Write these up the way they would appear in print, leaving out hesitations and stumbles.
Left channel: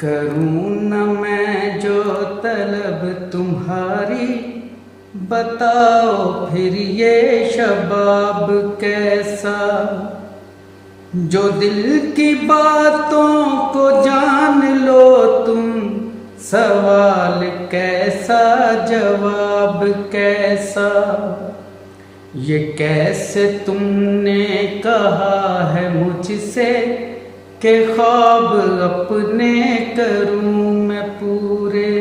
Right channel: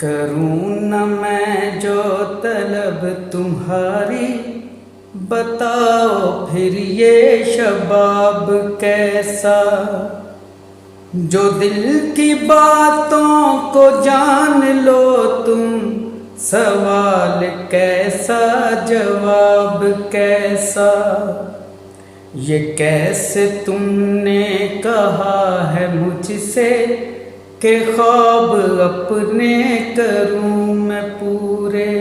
करूँ न मैं जो तलब तुम्हारी, बताओ फिर ये शबाब कैसा, जो दिल की बातों को जान लो तुम, सवाल कैसा जवाब कैसा। ये कैसे तुमने कहा है मुझसे कि ख्वाब अपने करूं मैं पूरे,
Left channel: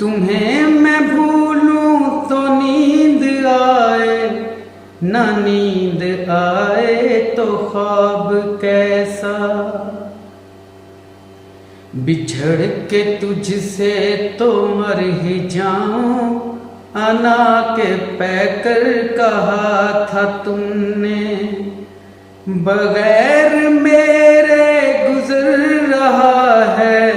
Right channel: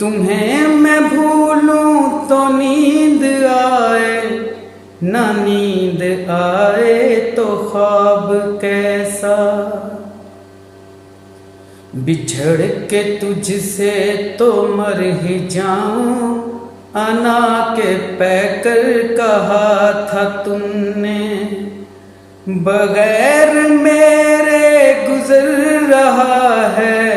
तुम्हें मैं भूलूं तो नींद आए, ना नींद आए तो ख्वाब कैसा। बिछड़ के तुझसे तो मर ही जाऊं, अना के पैकर कहा था तुमने, बगैर मेरे गुजर रहा है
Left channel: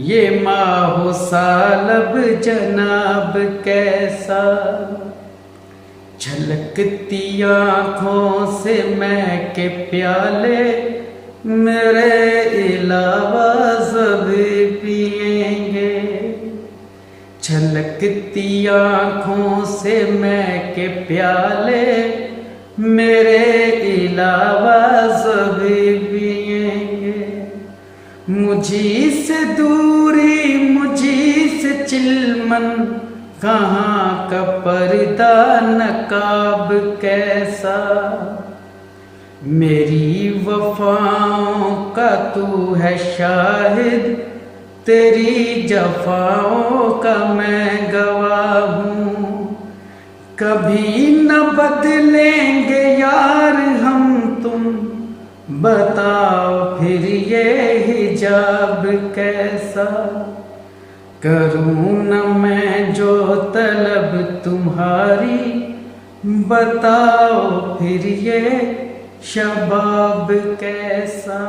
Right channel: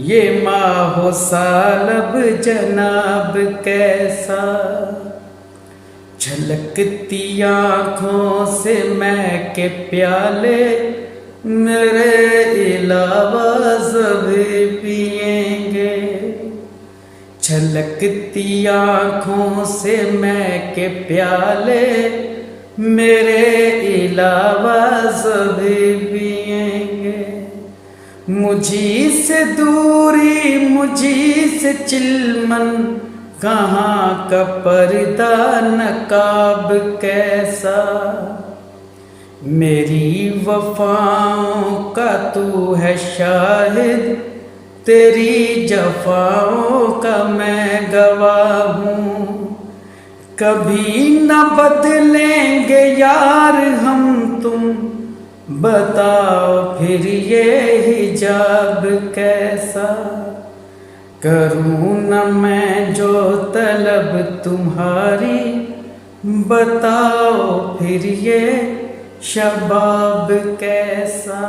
ये माहो सालब जनाब कैसा। छलकती आँखों से मैं के प्याले, मेरे अलावा सभी पिएंगे। छलकती आँखों से मैं के प्याले, मेरे अलावा सभी पिएंगे। मुझी से दूरी मुझी से चिलमन, कहाँ का पर्दा नकाब कैसा। मेरी वफाओं का तू है शाहिद, तेरी जफाओं का मैं गवाह हूँ। कभी न बदलेंगे यार हम तुम, बताओ फिर ये हिजाब कैसा। करूँ न मैं जो तलब तुम्हारी, बताओ फिर ये शबाब कैसा।